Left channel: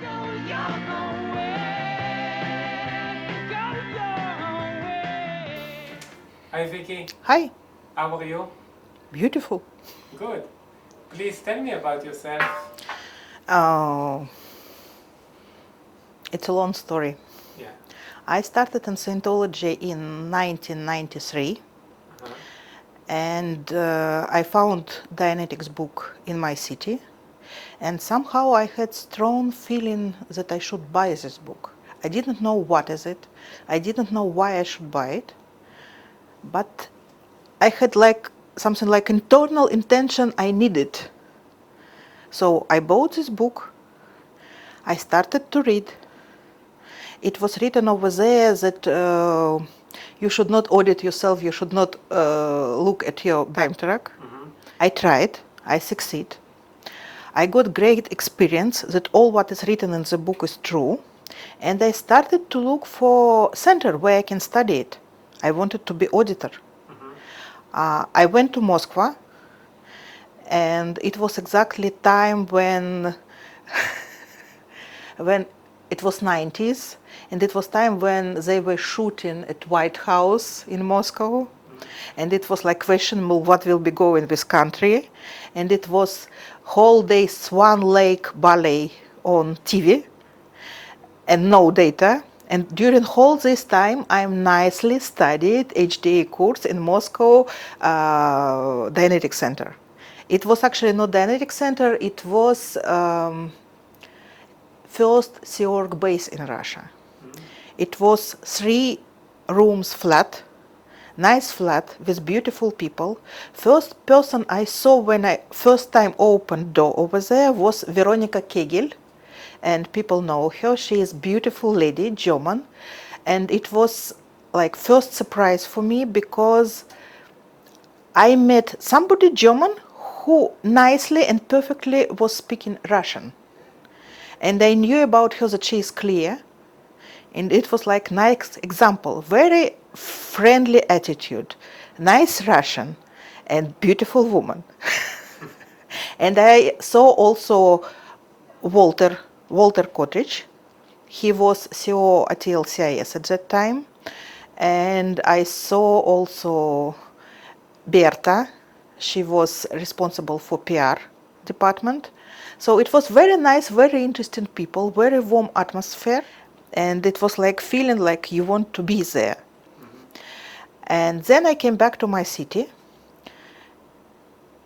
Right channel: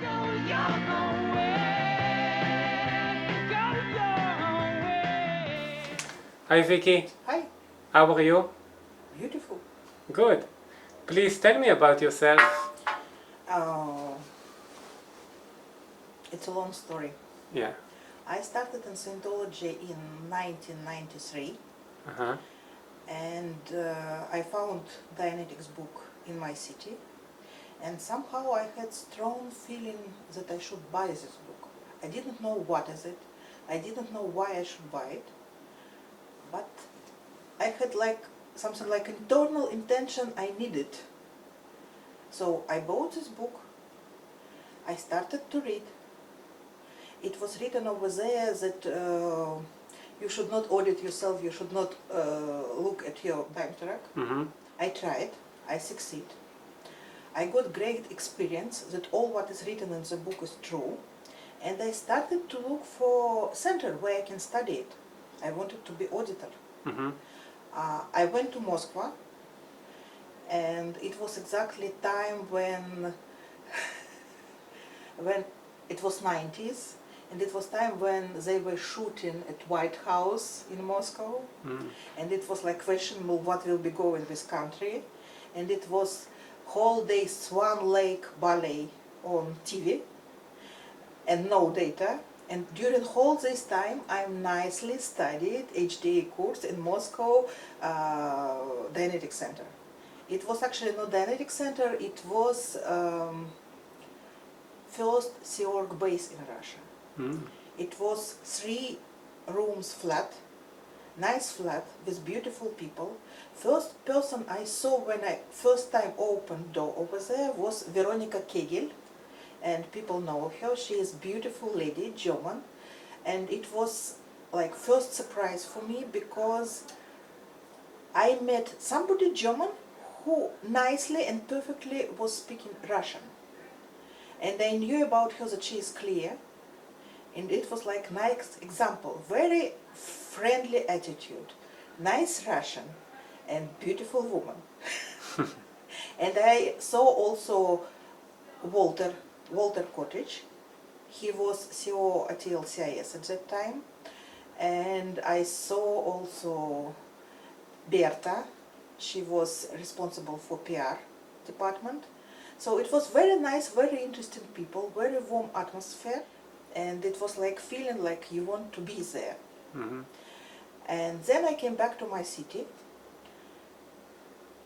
Go your own way. Go your own way. Hi Vicky, Hi, how are you? beautiful. Good. Please tell me about yourself. Oh, it's a long story. Yeah. I started in Scientology in 1993, Uh-huh. and I found Dianetics book in my city, and somehow I had strong feeling that I should buy this book. I didn't know what is it. I didn't know why I should buy it, but I had like something like internal intention I needed. So I bought this book. I started to read. It was written over there that you should not audit yourself, you should not look at your time track. Mm-hmm. I tried, I succeed. I got great experience that all what is written in the book is true. And I started to look for center where I can study it. I wanted to be auditor. Mm-hmm. I went to Moscow, and it was exactly time when when it was 90s, and it was time when they were shooting at White House in Moscow, and it was like questionable what will be going with country, and it was whole day Swan Lake ballet on TV, and no data. And during whole this time, I nicely studied HDA course in Moscow Dianetic Center. It was actually not Dianetic Center, it was first Sea Org base in Russia. It was 3 rooms flat, nice flat with beautiful people. First person I saw when I first time opened door over there was Veronica Kegel, and people know her. She is beautiful lady, German, and it was like first surprise for me because I met somebody German who nicely and perfectly was speaking Russian. And I knew about her that she is clear. And it was like nice example, very friendly attitude, nice Russian, and beautiful woman. And I saw also Walter Kotrich. He was CEO at LCIS at that time. And I saw also Berta. She was responsible for PR department. So it was very nice, very interesting people, very warm atmosphere. And it was like feeling like you want to be there. Mm-hmm. And then I came back to my city,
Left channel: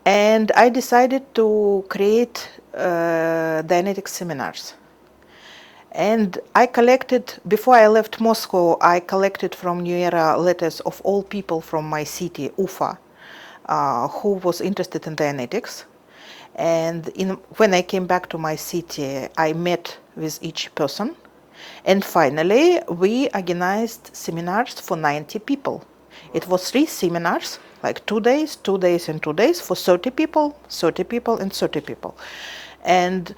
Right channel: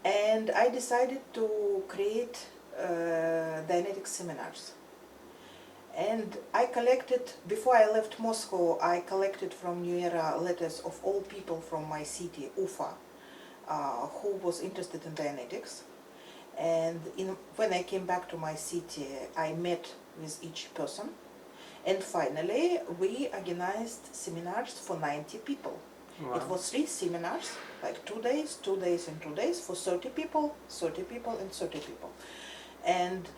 and I decided to create Dianetic seminars. And I collected, before I left Moscow, I collected from New Era letters of all people from my city, Ufa, who was interested in Dianetics. And when I came back to my city, I met with each person. And finally, we organized seminars for 90 people. Wow. It was 3 seminars, like 2 days, 2 days, and 2 days for 30 people, 30 people, and 30 people. And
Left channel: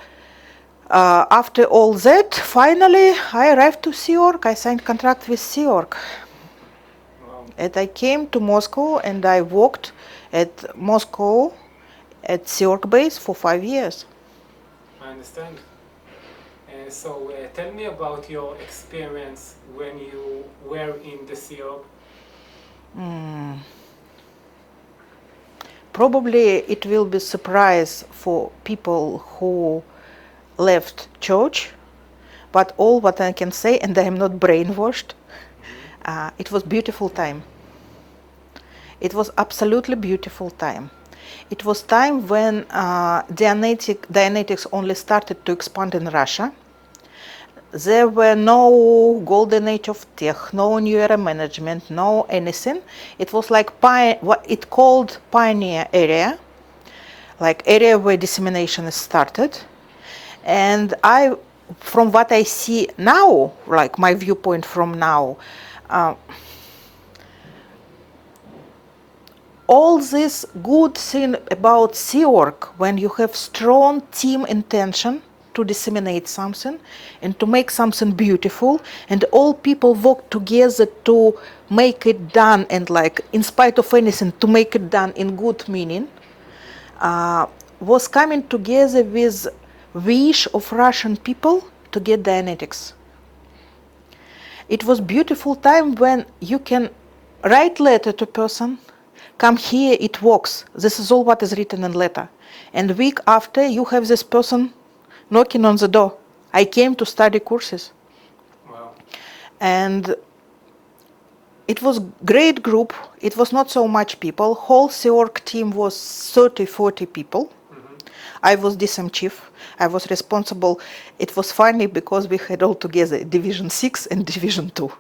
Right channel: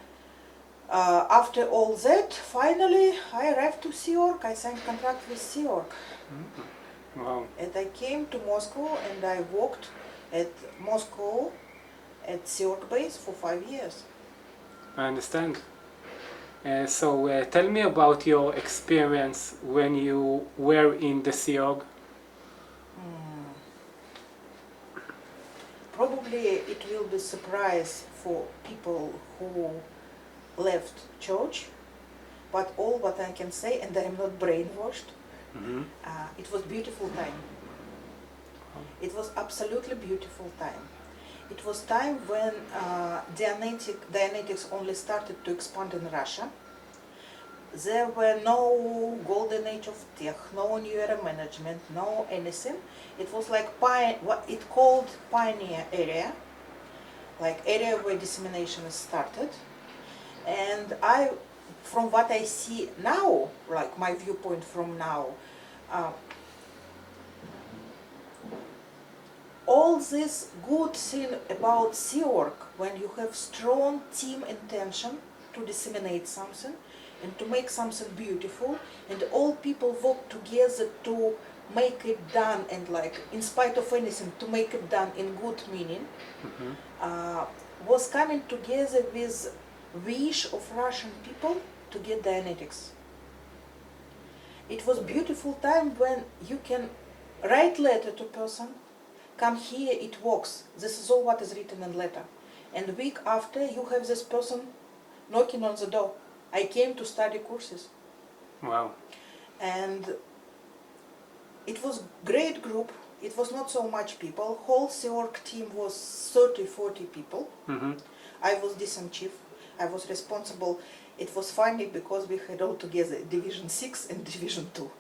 after all that, finally, I arrived to Sea Org. I signed contract with Sea Org. Wow. And I came to Moscow, and I worked at Moscow at Sea Org base for 5 years. I understand. So tell me about your experience when you were in the Sea Org. Probably it will be surprise for people who left church, but all what I can say, and I am not brainwashed, it was beautiful time. It was absolutely beautiful time. It was time when Dianetics only started to expand in Russia. There were no golden age of tech, no new era management, no anything. It was like what it called pioneer area, like area where dissemination is started. And from what I see now, like my viewpoint from now, all this good thing about Sea Org, when you have strong team intention to disseminate something and to make something beautiful, and all people work together to make it done, and like in spite of anything to make it done in good meaning, was coming together with wish of Russian people to get Dianetics. It was beautiful time when you can write letter to person, come here, it works. This is all what is written in letter. And week after, you have this person knocking on the door. I came to study courses. Wow. And it was great group. It was not so much people. Whole SEORG team was 30, 40 people. Mm-hmm. I was DSM chief. I was responsible. It was funny because we had all together Division 6 and Division 2.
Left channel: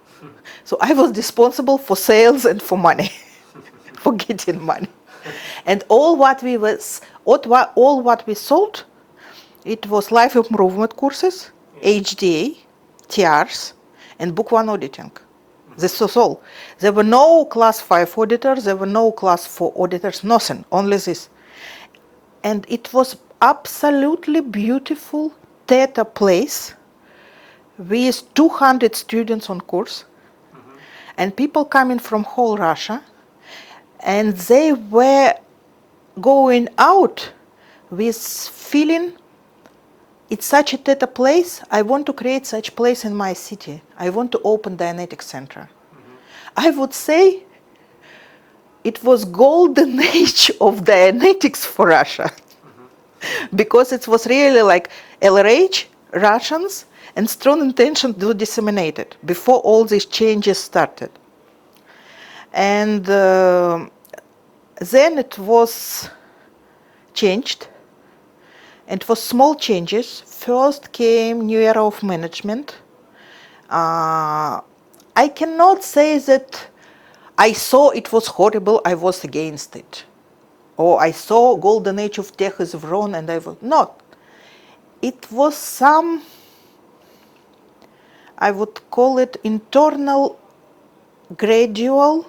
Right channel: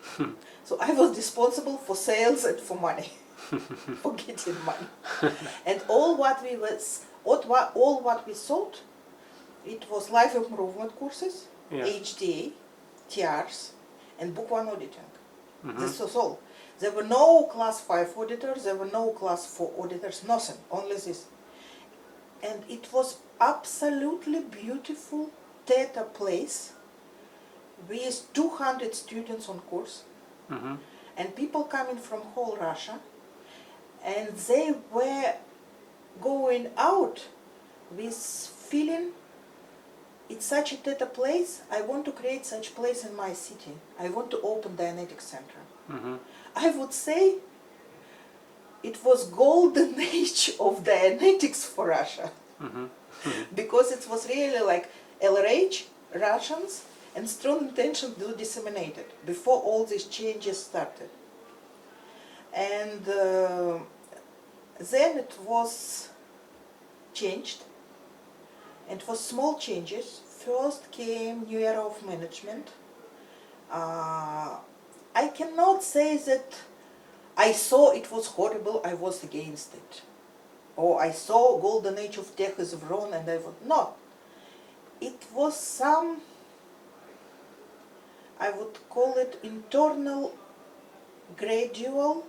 So I was responsible for sales and for money, for getting money. And all what we sold, it was life improvement courses, Yeah. HDA, TRs, and book one auditing. This was all. There were no class 5 auditors, there were no class 4 auditors, nothing, only this. And it was absolutely beautiful theater place with 200 students on course, and people coming from whole Russia, and they were going out with feeling it's such a theater place, I want to create such place in my city. I want to open Dianetics Center. I would say it was golden age of Dianetics for Russia. Because it was really like LRH, Russians, and strong intention to disseminate it before all these changes started. And then it was changed. It was small changes. First came new era of management. I cannot say that I saw it was horrible, I was against it. Or I saw golden age of tech is wrong and I was not. It was some, I would call it internal gradual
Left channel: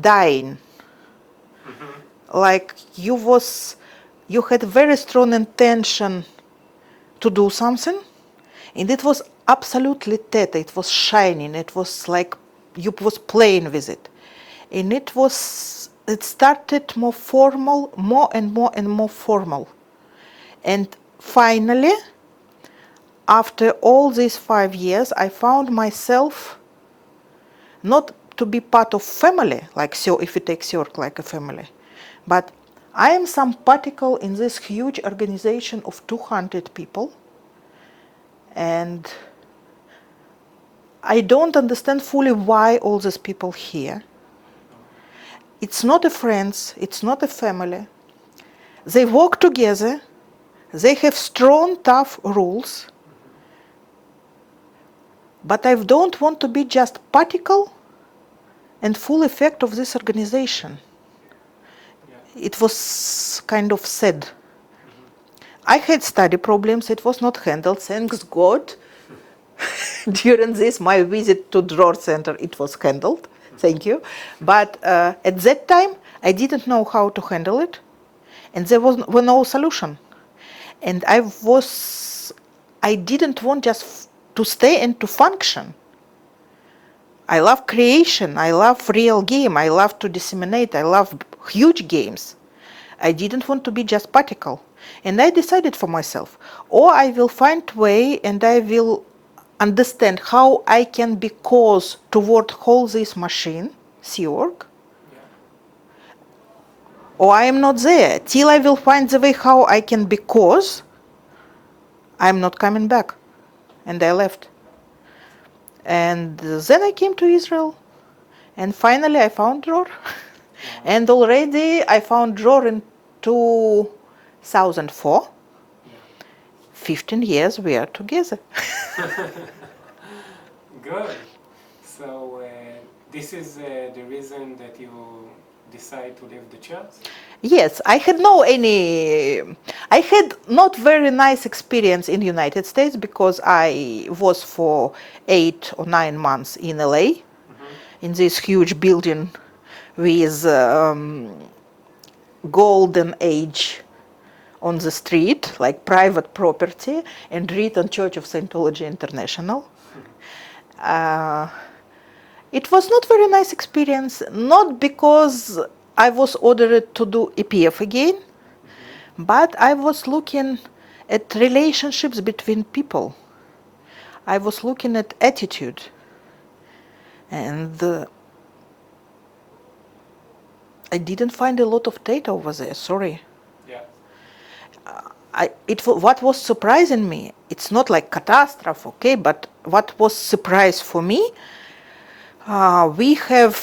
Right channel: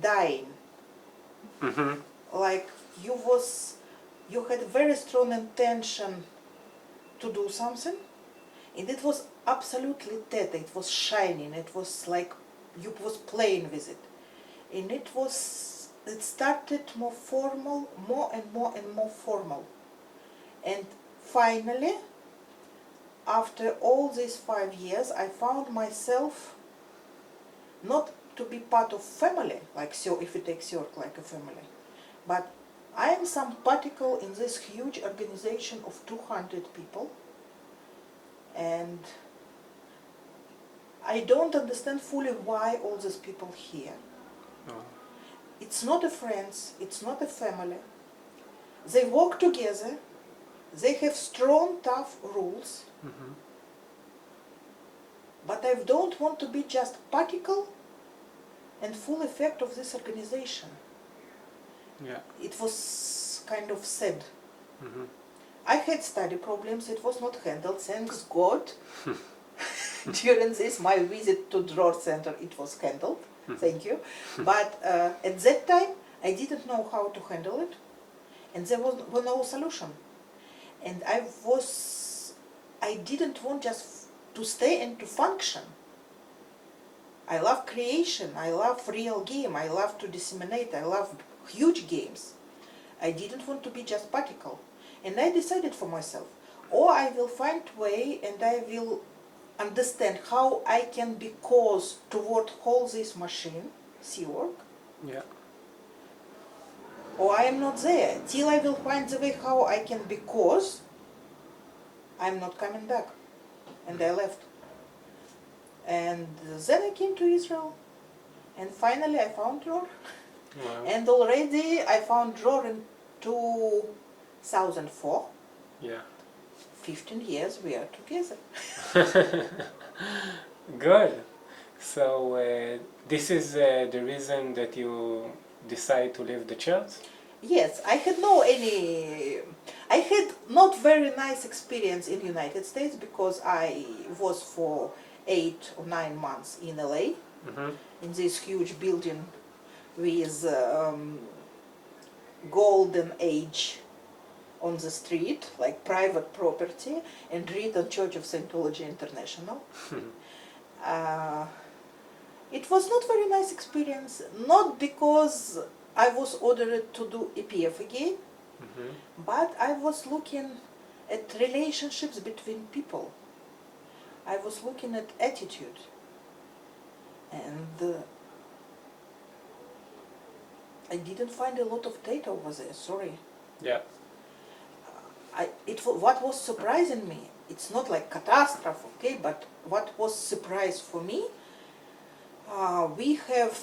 dying. Like you had very strong intention to do something, and it was absolutely theta, it was shining, it was like you was playing with it. And it started more formal, more and more formal. And finally, after all these 5 years, I found myself not to be part of family, like so if you take SEORG like a family, but I am some particle in this huge organization of 200 people, and I don't understand fully why all these people here. It's not a friends, it's not a family. They work together, they have strong, tough rules, but I don't want to be just particle and full effect of this organization. It was kind of sad. I had study problems, it was not handled, thanks God. During this, my visit to Drawer Center, it was handled, thank you. But at that time, I didn't know how to handle it, and there was no solution. And I didn't want just to stay and to function. I love creation, I love real game, I love to disseminate, I love huge games. I didn't want to be just particle. And I decided for myself, or I will find way and I will understand how I can be cause toward whole this machine, SEORG, or I am not there. Till I will find the way how I can be cause, I'm not coming back. And I left. And then I came to Israel, and finally I found Drawer. And already I found Drawer in 2004. 15 years we are together. Good. So this is the reason that you decided to leave the church? Yes, I had not very nice experience in the United States because I was for 8 or 9 months in LA, in this huge building with golden age on the street, like private property, and written Church of Scientology International. It was not very nice experience, not because I was ordered to do EPF again, but I was looking at relationships between people. I was looking at attitude, and I didn't find a lot of data over there. Sorry. Yeah. What was surprising me, it's not like catastrophe, okay, but what was surprise for me, we have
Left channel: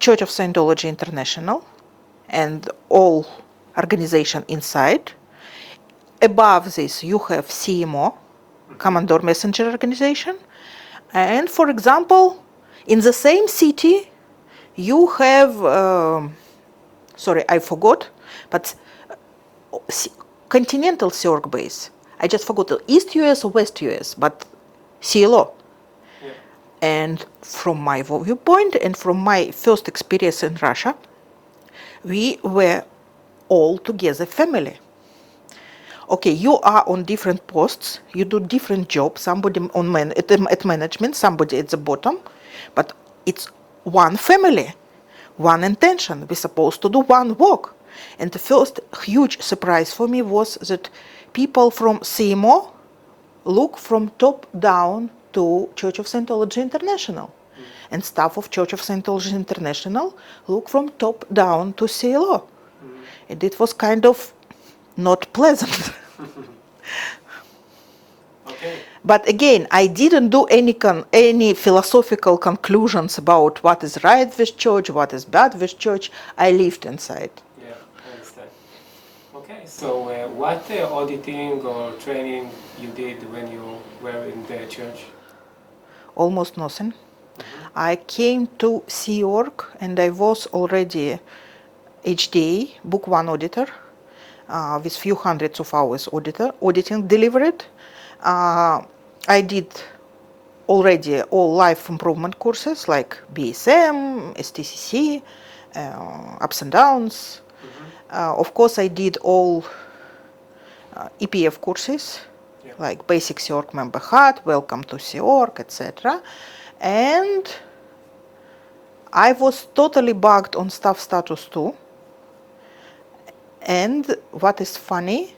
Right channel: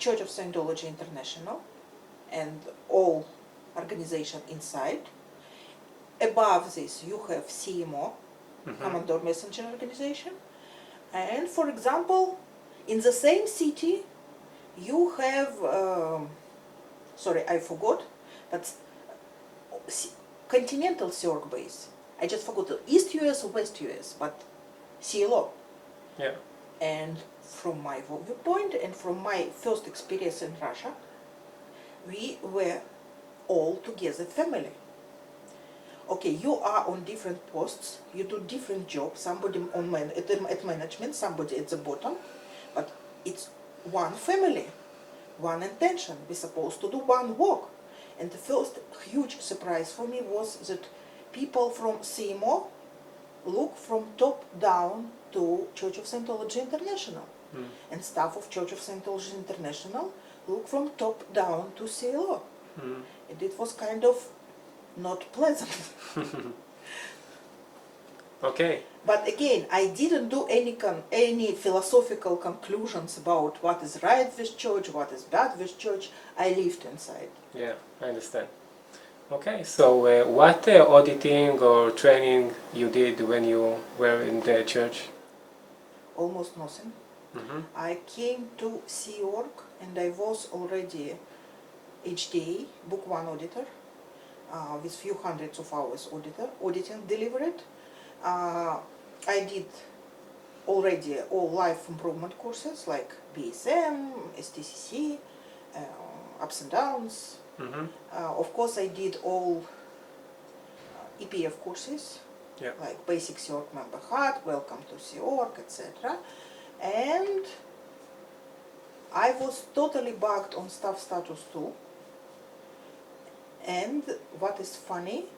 Church of Scientology International and all organization inside. Above this, you have CMO, Commandor Messenger Organization, and for example, in the same city, you have, sorry, I forgot, but continental Sea Org base. I just forgot the East US or West US, but CLO. Yeah. And from my viewpoint and from my first experience in Russia, we were all together family. Okay, you are on different posts, you do different jobs, somebody at management, somebody at the bottom, but it's one family, one intention. We're supposed to do one work. And the first huge surprise for me was that people from CMO look from top down to Church of Scientology International. And staff of Church of Scientology International look from top down to CLO. And it was kind of not pleasant. Okay. But again, I didn't do any philosophical conclusions about what is right with church, what is bad with church. I lived inside. Yeah, I understand. Okay, so what auditing or training you did when you were in the church? Almost nothing. I came to Sea Org and I was already HDA, Book 1 auditor, with few hundreds of hours auditing delivered. I did already all life improvement courses like BSM, STCC, ups and downs. Of course, I did all EPF courses, like Basic Sea Org Member Hat, Welcome to Sea Org, etc. And I was totally bugged on staff status 2. And what is funny,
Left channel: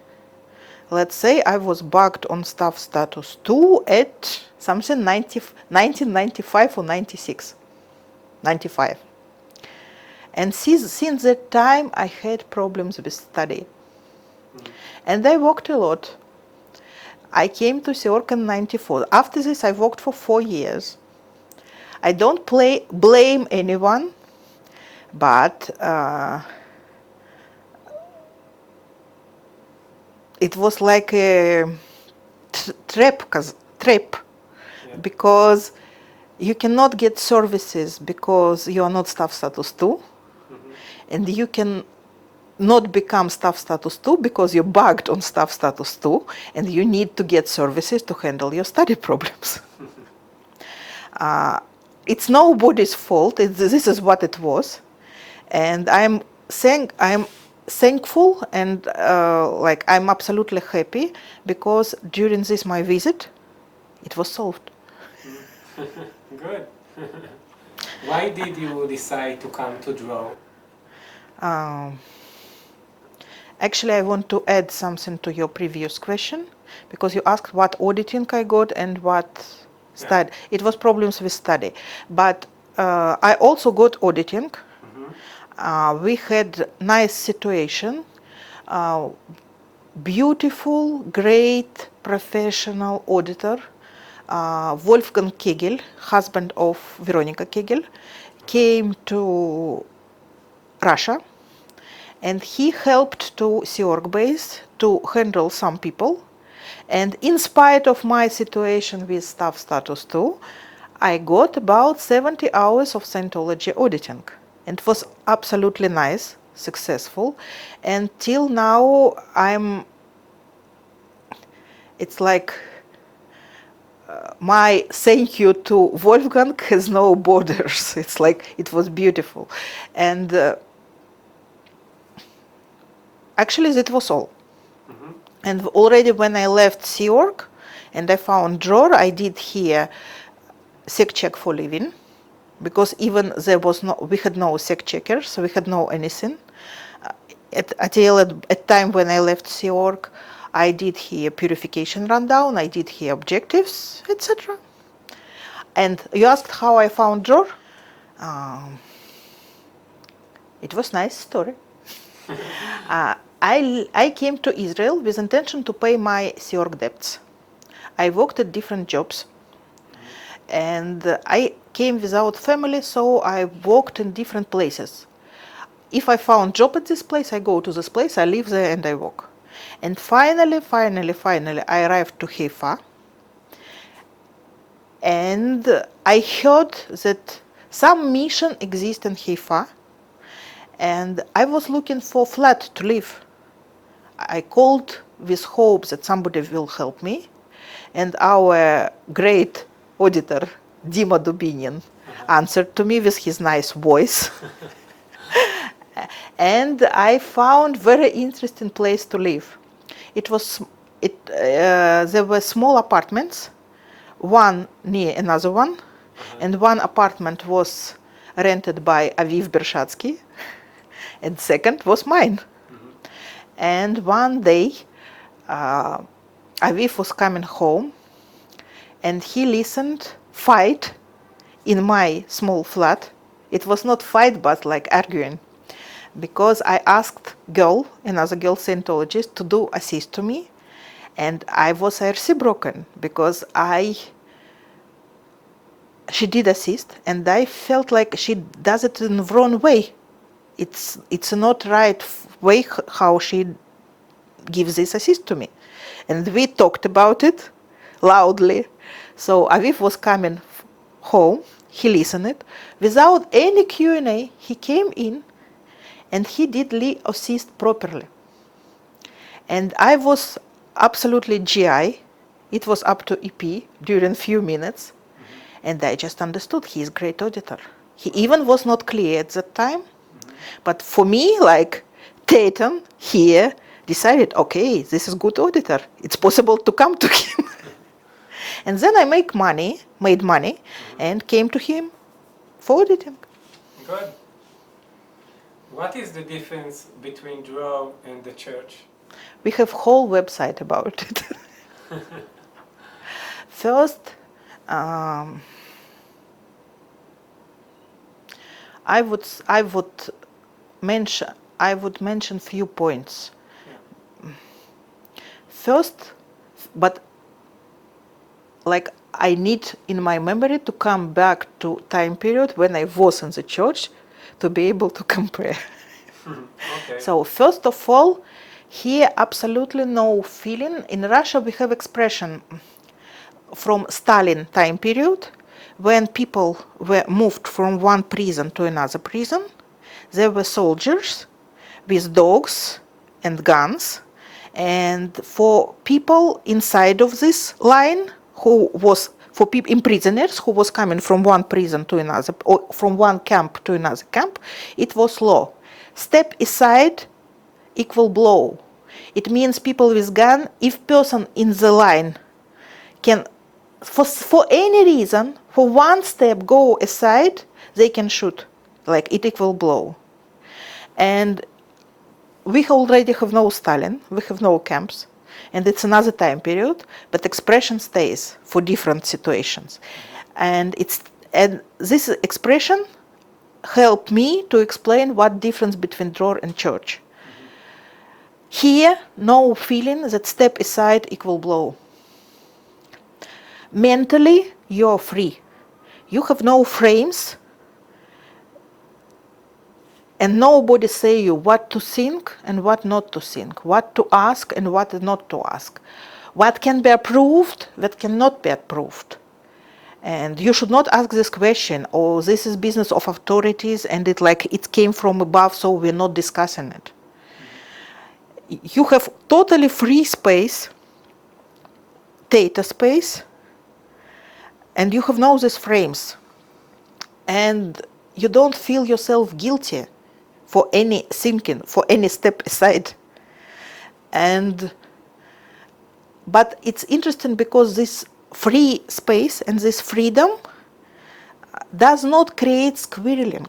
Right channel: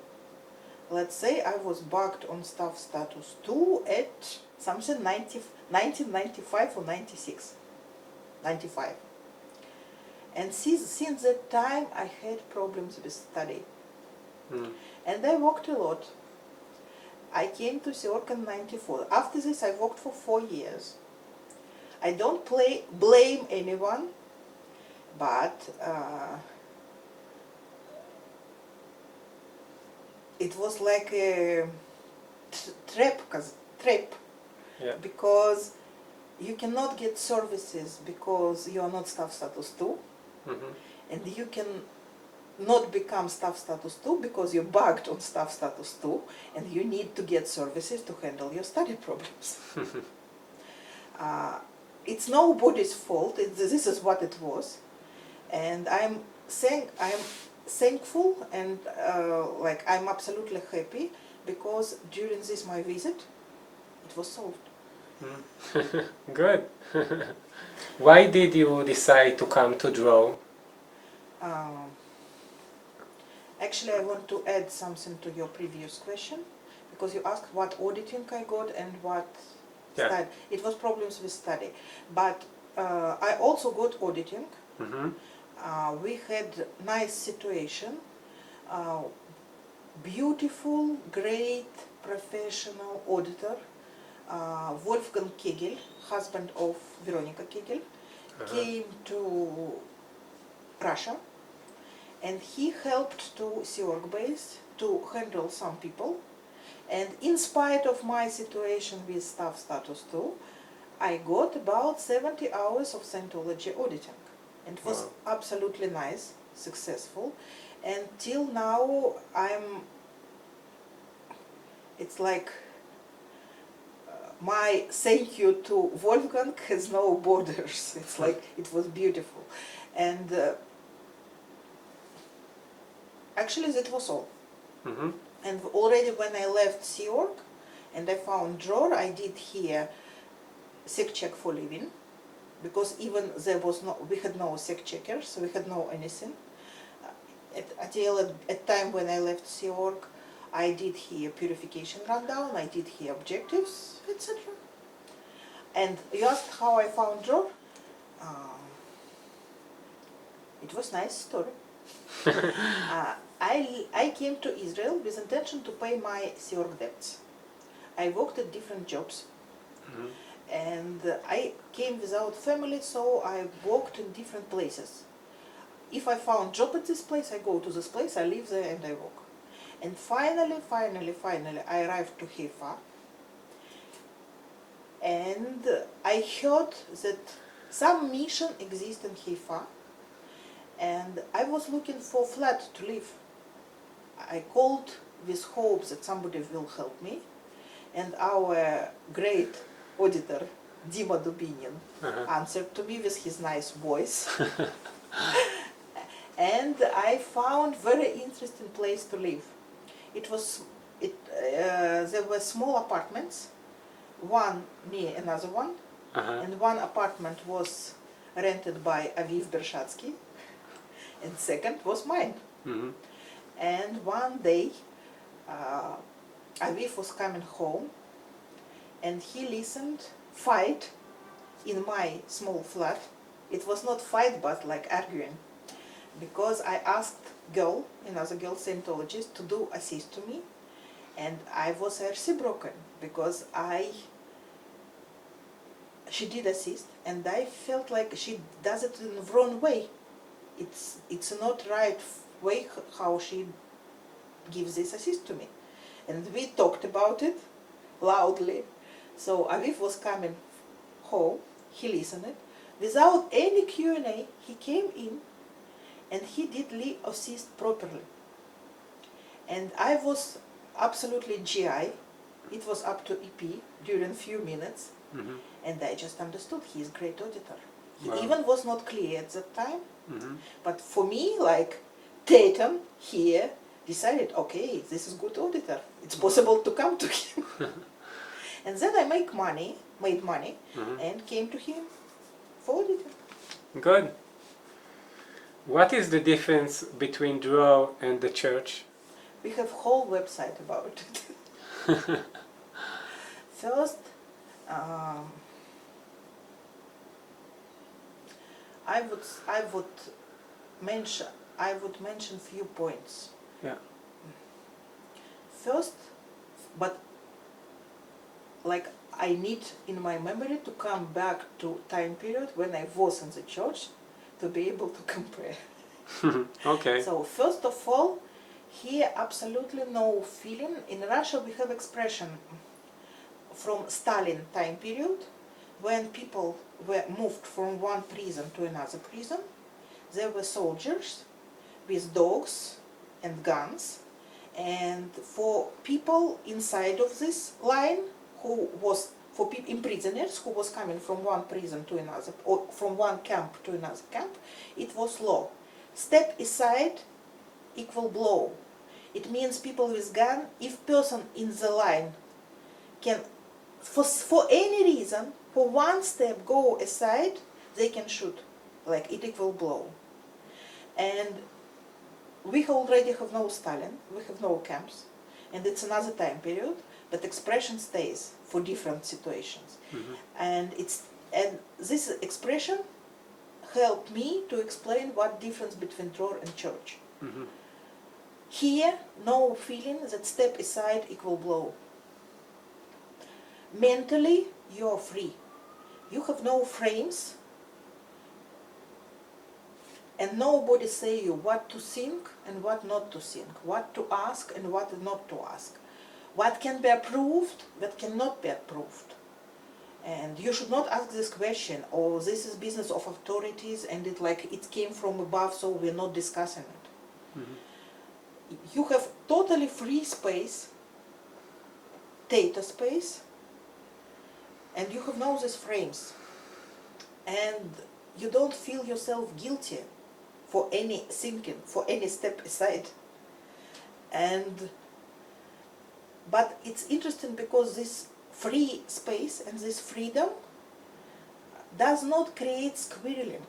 let's say I was bugged on staff status 2 at something 1995 or 96, 95. And since that time, I had problems with study. And I worked a lot. I came to Sea Org in 94. After this, I worked for 4 years. I don't blame anyone, but it was like a trap, because you cannot get services because you are not staff status 2, and you can not become staff status 2 because you're bugged on staff status 2, and you need to get services to handle your study problems. It's nobody's fault. This is what it was, and I'm thankful and I'm absolutely happy because during this my visit, it was solved. Good. Why did you decide to come to Draw? Actually, I want to add something to your previous question, because you asked what auditing I got and what study. It was problems with study, but I also got auditing. We had nice situation, beautiful, great professional auditor, Wolfgang Kegel, husband of Veronica Kegel, came to Russia, and he helped to Sea Org base to handle some people. And in spite of my situation with staff status 2, I got about 70 hours of Scientology auditing. And it was absolutely nice, successful. And till now, it's like my thank you to Wolfgang has no borders. It's like, it was beautiful. And actually, that was all. And already when I left Sea Org and I found drawer, I did here sec check for living, because even there was we had no sec checkers, so we had no anything. At time when I left Sea Org, I did here purification rundown, I did here objectives, etc. And you asked how I found Dror? It was nice story. I came to Israel with intention to pay my Siorg debts. I worked at different jobs. And I came without family, so I worked in different places. If I found job at this place, I go to this place, I live there and I work. And finally, I arrived to Haifa. And I heard that some mission exists in Haifa. And I was looking for a flat to live. I called with hope that somebody will help me. And our great auditor, Dima Dubinin, answered to me with his nice voice. And I found very interesting place to live. There were small apartments, one near another one, and one apartment was rented by Aviv Bershadsky, and second was mine. And one day, Aviv was coming home, and he listened fight in my small flat. It was not fight, but like arguing, because I asked another girl Scientologist, to do assist to me, and I was broken because she did assist, and I felt like she does it in the wrong way. It's not right way how she gives this assist to me, and we talked about it loudly. So Aviv was coming home. He listened without any Q&A. He came in, and he did assist properly. And I was absolutely GI. It was up to EP during few minutes. And I just understood he is great auditor. He even was not clear at that time. But for me, like Tatum here decided, okay, this is good auditor. It's possible to come to him. And then I made money, and came to him for auditing. Good. What is the difference between Dror and the church? We have whole website about it. First, I would mention few points. Yeah. First, but like I need in my memory to come back to time period when I was in the church to be able to compare. Okay. So first of all, here absolutely no feeling. In Russia we have expression from Stalin time period, when people were moved from one prison to another prison. There were soldiers with dogs and guns, and for people inside of this line, for people prisoners who was coming from one prison to another, or from one camp to another camp, it was law. Step aside, equal blow. It means people with gun, if person in the line can, for any reason, for one step go aside, they can shoot, like it equal blow. And we already have no Stalin, we have no camps, and it's another time period, but expression stays for different situations. And this expression helped me to explain what difference between Dror and church. Here, no feeling that step aside equal blow. Mentally, you're free. You have no frames, and nobody say you what to think and what not to think, what to ask and what not to ask, what can be approved, what cannot be approved. And you should not ask this question, or this is business of authorities and it came from above, so we're not discussing it. You have totally free space, data space, and you have no these frames. And you don't feel yourself guilty for any thinking, for any step aside. But it's interesting because this free space and this freedom does not create squirreling.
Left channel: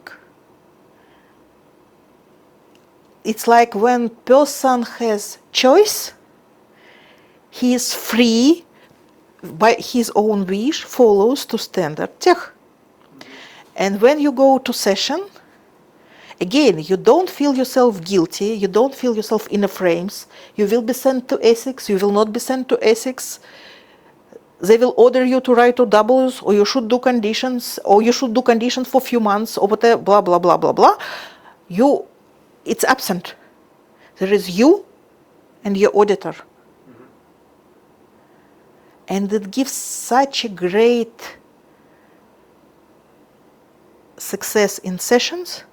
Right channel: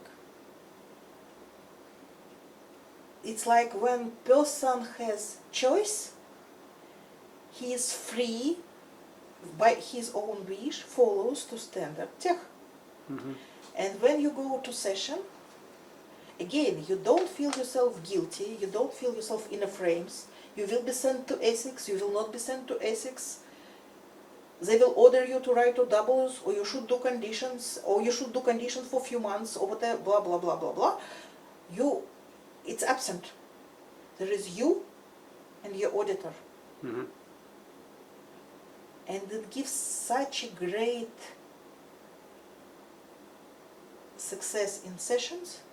It's like when person has choice, he is free by his own wish, follows to standard tech. And when you go to session, again, you don't feel yourself guilty, you don't feel yourself in a frames. You will be sent to ethics, you will not be sent to ethics. They will order you to write OWs, or you should do conditions, or you should do conditions for a few months, or whatever, blah, blah, blah, blah, blah. It's absent. There is you and your auditor. And it gives such a great success in sessions,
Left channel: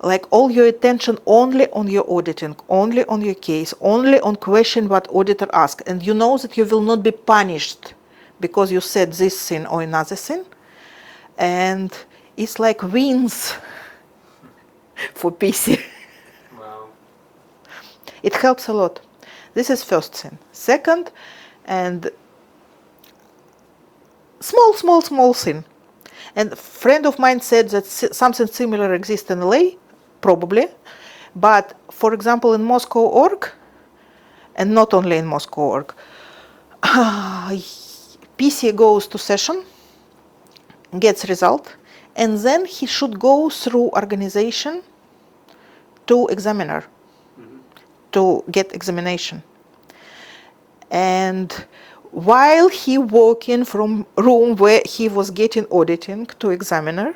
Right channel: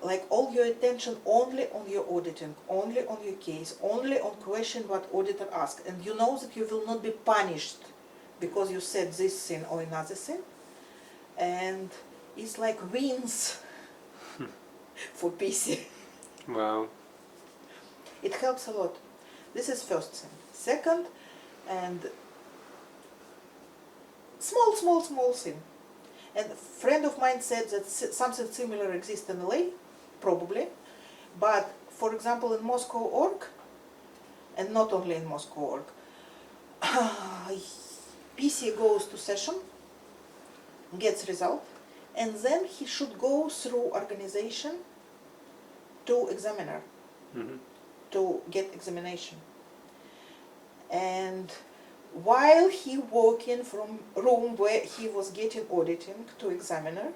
like all your attention only on your auditing, only on your case, only on question what auditor asks. And you know that you will not be punished because you said this thing or another thing. And it's like wins for PC. Wow. It helps a lot. This is first thing. Second, and small thing. And a friend of mine said that something similar exists in LA, probably. But for example, in Moscow org, and not only in Moscow org, PC goes to session, gets result, and then he should go through organization to examiner, to get examination. And while he walking from room where he was getting auditing to examiner,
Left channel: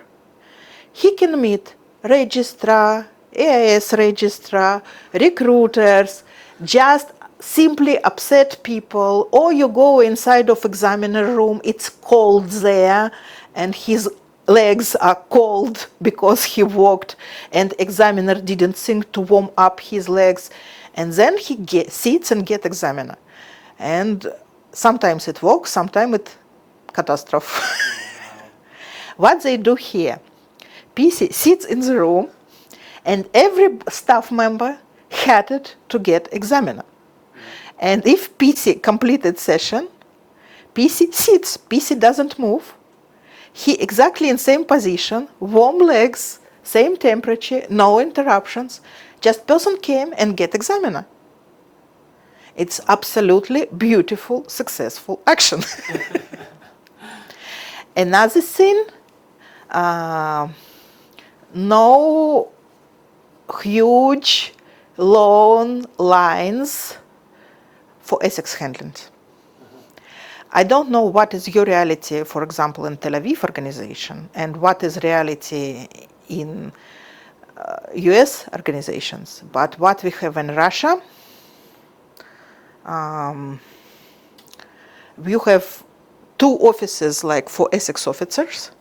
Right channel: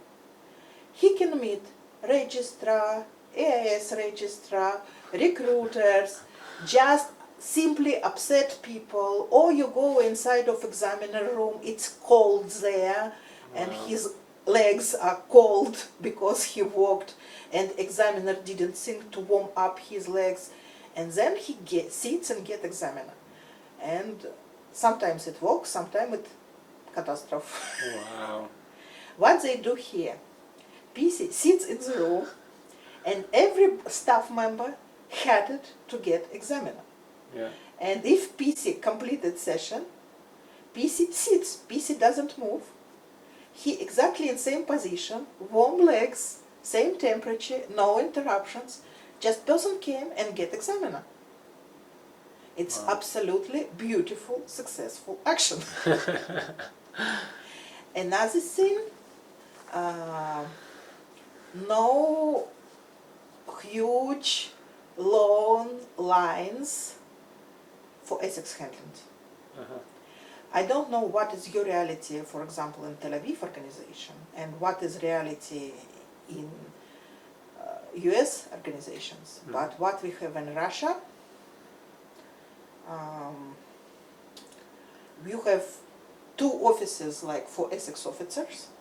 he can meet registrar, AIS registrar, recruiters, just simply upset people, or you go inside of examiner room, it's cold there, and his legs are cold because he walked, and examiner didn't think to warm up his legs, and then he sits and get examiner. And sometimes it works, sometimes it's catastrophe. Wow. What they do here, PC sits in the room, and every staff member had it to get examiner. Yeah. And if PC completed session, PC sits, PC doesn't move. He exactly in same position, warm legs, same temperature, no interruptions. Just person came and get examiner. It's absolutely beautiful, successful action. Another thing, no huge, long lines for ethics handling. I don't know what is your reality, for example, in Tel Aviv organization, and what is reality in US organizations. But what we have in Russia, we have 2 offices like for ethics officers,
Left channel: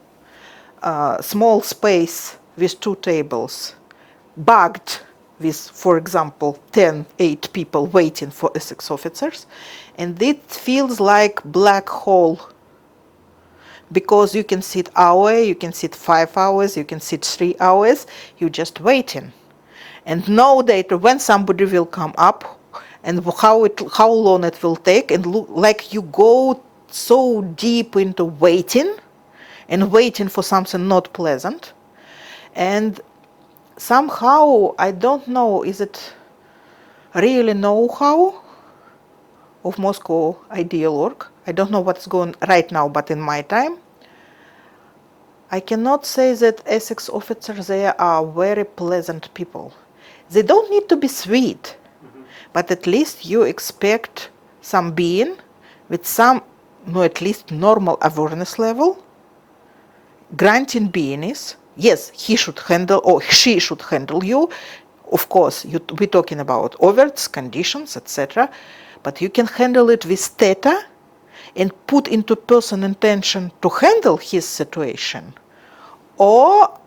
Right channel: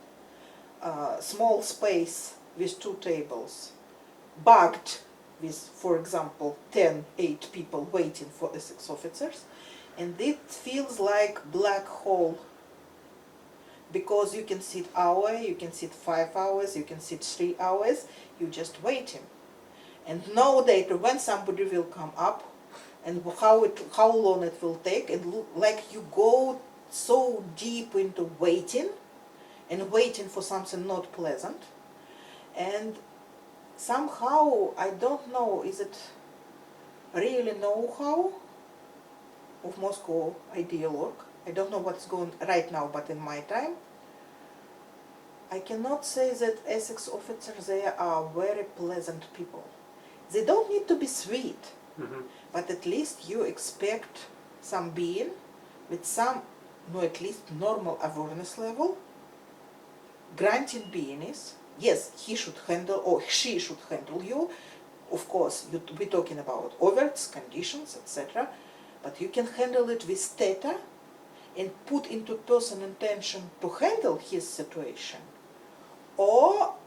small space with 2 tables, bugged with, for example, 8 people waiting for ethics officers, and it feels like black hole, because you can sit hour, you can sit 5 hours, you can sit 3 hours, you're just waiting, and no data when somebody will come up, and how long it will take, and look like you go so deep into waiting, and waiting for something not pleasant, and somehow I don't know, is it really know-how of Moscow ideal org? I don't know what's going right now, but in my time, I cannot say that ethics officers there are very pleasant people. They don't need to be sweet, but at least you expect some being with some, no, at least normal awareness level, granting beingness. Yes, he should handle, or she should handle you. Of course, we're talking about overts, conditions, etc. But you can handle it with theta and put into person intention to handle his situation. Or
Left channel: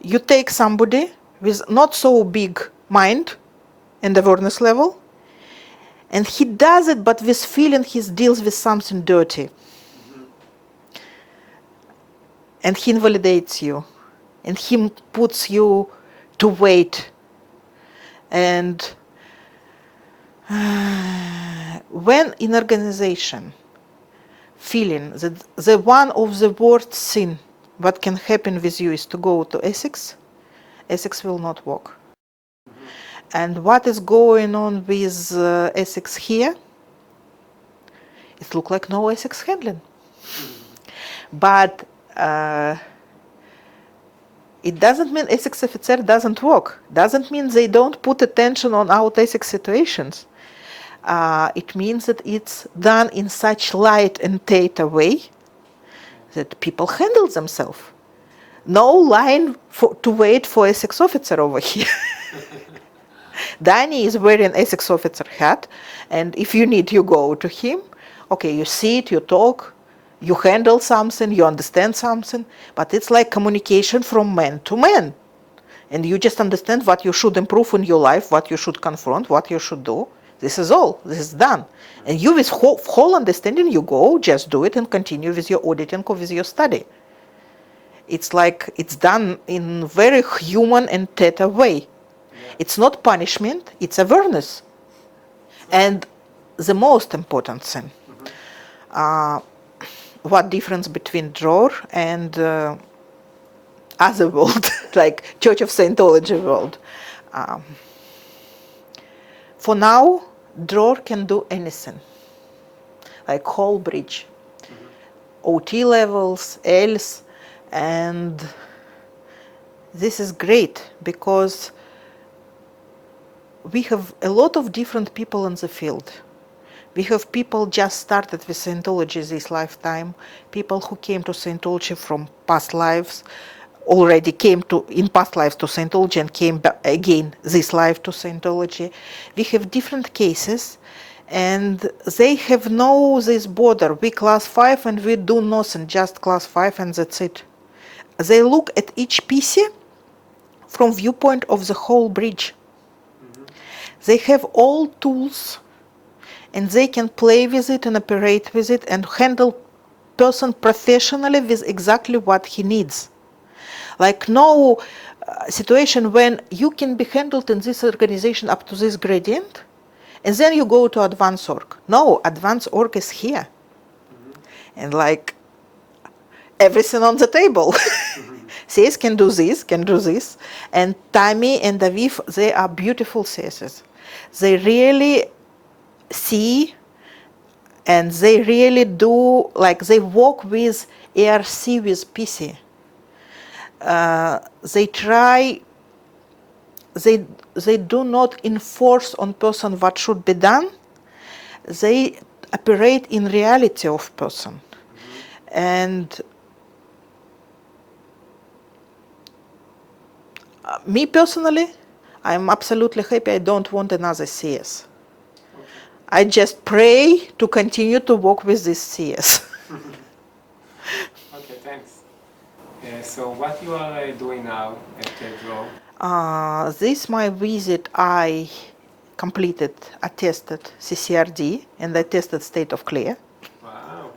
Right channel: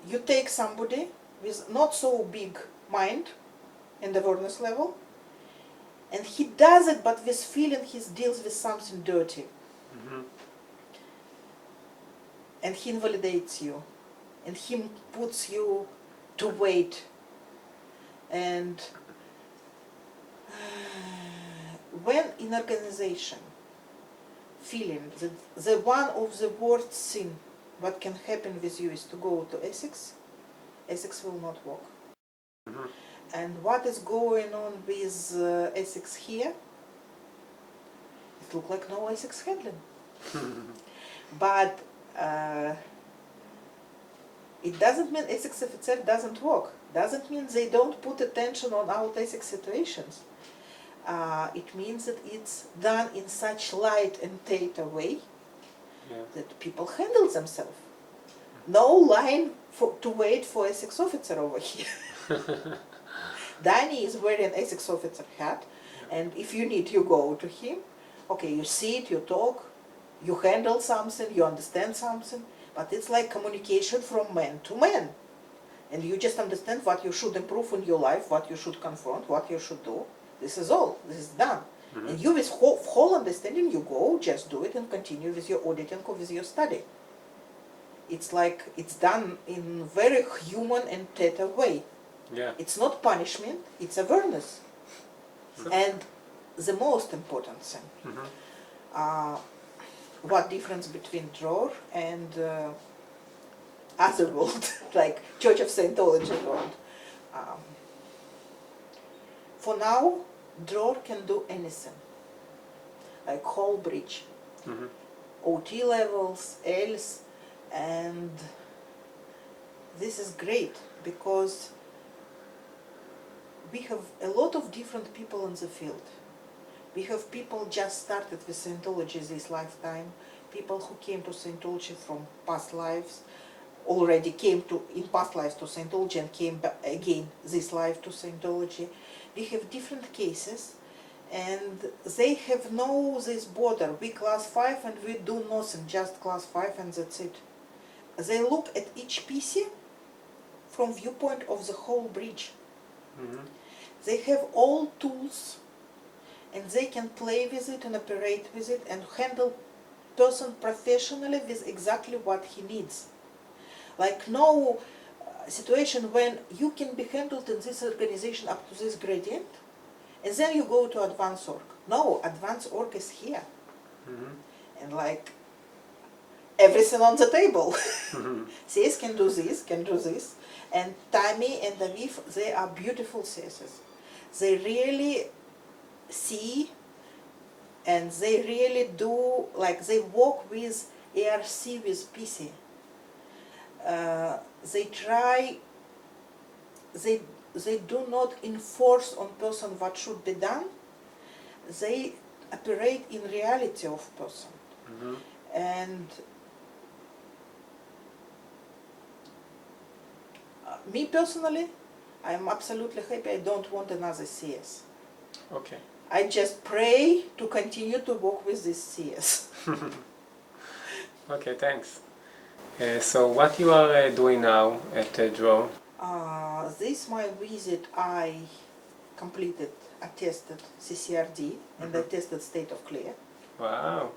you take somebody with not so big mind and awareness level, and he does it, but with feeling he deals with something dirty. And he invalidates you, and he puts you to wait. And when in organization, feeling that the one of the worst thing what can happen with you is to go to ethics, ethics will not work. And what is going on with ethics here? It looks like no ethics handling. But it doesn't mean ethics officer doesn't work. Doesn't mean they don't put attention on out ethics situations. It means that it's done in such light and theta way that people handle themselves. No line to wait for ethics officer over here. Danny is wearing ethics officer hat, and if you need, you go to him. Okay, you sit, you talk, you handle something, you understand something, but it's like communication from man to man. And you just understand what you should improve in your life, what you should confront, what you should do. This is all. This is done. And you, with whole understanding, you go, just do it and continue with your auditing or with your study. It's like it's done in very human and theta way. Yeah. It's not punishment, it's awareness. And the most important thing, what difference between drawer and other world, like Church of Scientology world. For now, drawer can do anything, like whole bridge, OT levels, Ls, and this is great because we have a lot of different people in the field. We have people just started with Scientology this lifetime, people who came to Scientology from past lives, already came to in past lives to Scientology and came back again this life to Scientology. We have different cases, and they have no this border. We class 5 and we do nothing, just class 5 and that's it. They look at each PC from viewpoint of the whole bridge. They have all tools and they can play with it and operate with it and handle person professionally with exactly what he needs. Like no situation when you can be handled in this organization up to this gradient and then you go to advanced org. No, advanced org is here. And like everything on the table. CS can do this. And Tammy and Aviv, they are beautiful CSs. They really see and they really do, like they work with ARC with PC. They try, they do not enforce on person what should be done. They operate in reality of person. And me personally, I'm absolutely happy. I don't want another CS. Okay. I just pray to continue to work with this CS. Okay, thanks. So what you are doing now at Draw? This my visit, I completed, I tested CCRD and I tested state of clear. Wow.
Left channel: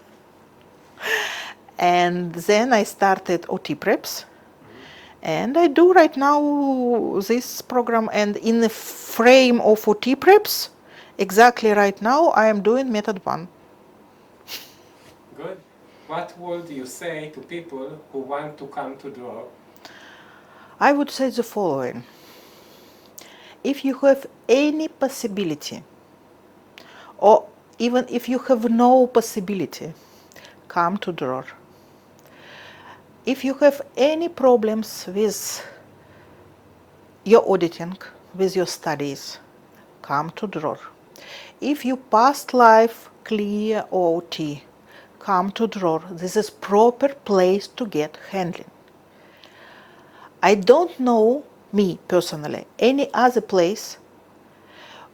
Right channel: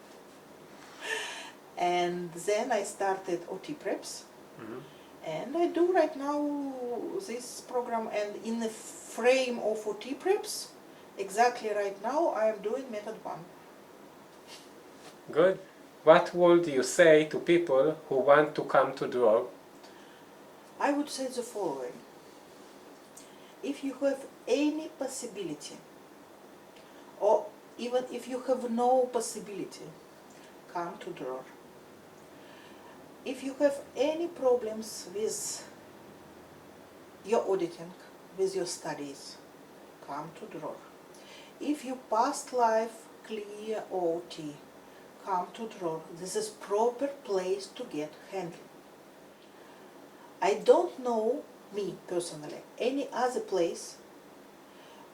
And then I started OT preps. And I do right now this program, and in the frame of OT preps, exactly right now I am doing method 1. Good. What would you say to people who want to come to Draw? I would say the following. If you have any possibility, or even if you have no possibility, come to Draw. If you have any problems with your auditing, with your studies, come to Draw. If you past life clear OT, come to Draw. This is proper place to get handling. I don't know, me personally, any other place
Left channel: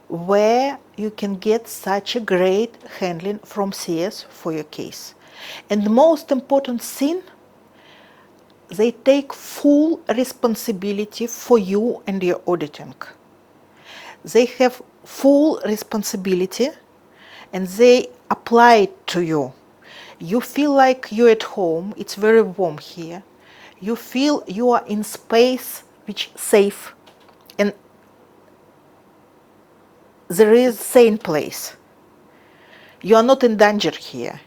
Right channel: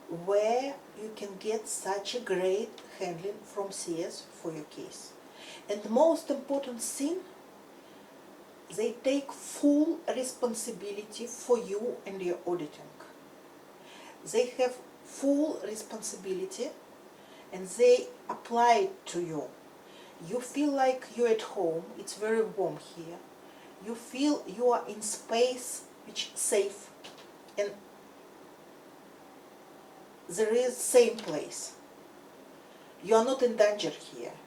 where you can get such a great handling from CS for your case. And the most important thing, they take full responsibility for you and your auditing. They have full responsibility and they apply it to you. You feel like you're at home, it's very warm here. You feel you are in space which is safe and there is sane place. You are not in danger here.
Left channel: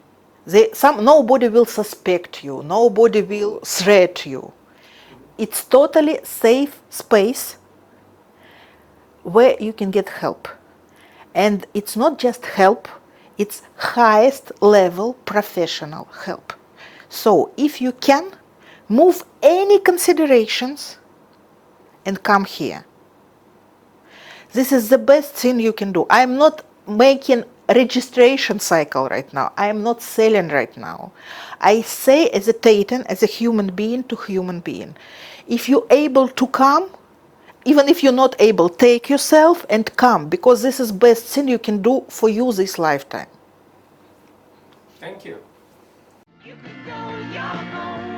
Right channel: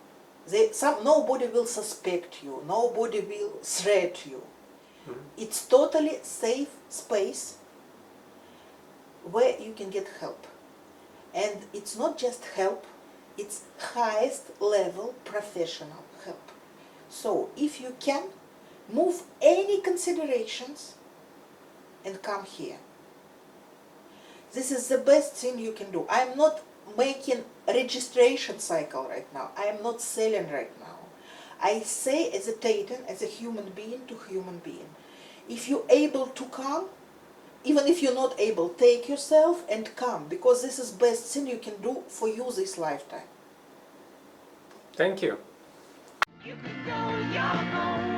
Nobody will suspect you, nobody will threat you. It's totally safe space where you can get help. And it's not just help, it's highest level professional help. So if you can, move any considerations and come here. This is the best thing you can do. I'm not making registration cycle right now. I am not selling right now. I say hesitating as a human being to human being. If you're able to come, even if you're not able, take yourself and come, because this is best thing you can do for you this lifetime. Thank you. You can go your own way.